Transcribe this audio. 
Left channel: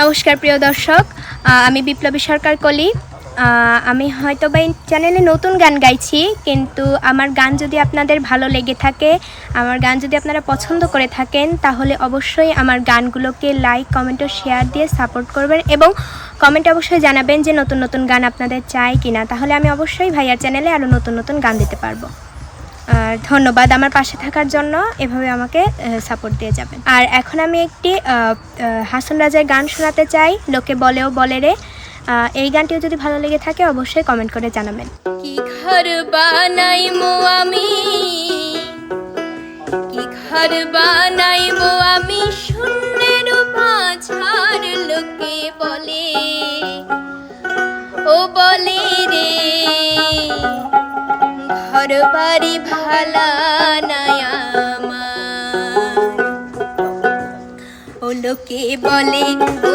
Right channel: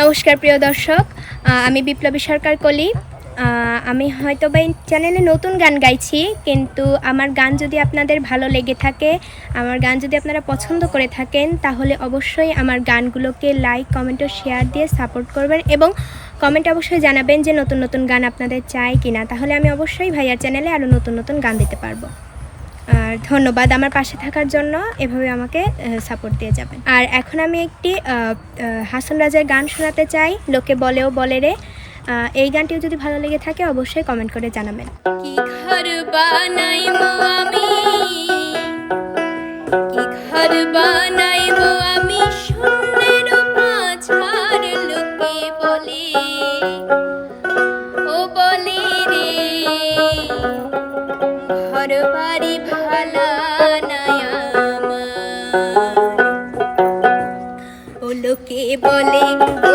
নমস্কার প্রিয় দর্শক, আমি বিপ্লবী সরকার কলি। আমি হয়তো বা এই চ্যানেলে নতুন গান গাইছি, কিন্তু আমার গান যদি আপনাদের ভালো লেগে থাকে, আমার গান যদি আপনারা পছন্দ করে থাকেন, তাহলে অবশ্যই আমার গানগুলোকে লাইক, কমেন্ট ও শেয়ার দিয়ে সাপোর্ট করবেন এবং কমেন্টে অবশ্যই জানাবেন যে নতুন নতুন গান আপনাদের চাই কি না। তাহলে আমি অবশ্যই ভাইয়ার চ্যানেলে আরও নতুন নতুন গান দিতে পারবো। আর ধন্যবাদ আমার পাশে থাকার জন্য, এভাবে আমাকে সাপোর্ট দিয়ে যাবেন। আর এখন আমি একটি হাসন রাজার গান শোনাতে চাই, লোকে বলেও বলে রে। এই গানটিও যদি ভালো লেগে থাকে অবশ্যই কমেন্ট করে জানাবেন। কি ঘর বানাইমো আমি, কি ঘর বানাইমো আমি, শূন্যের মাঝার লোকে বলে, ও বলে রে ঘর বাড়ি ভালা নাই আমার, ও লোকে বলে ও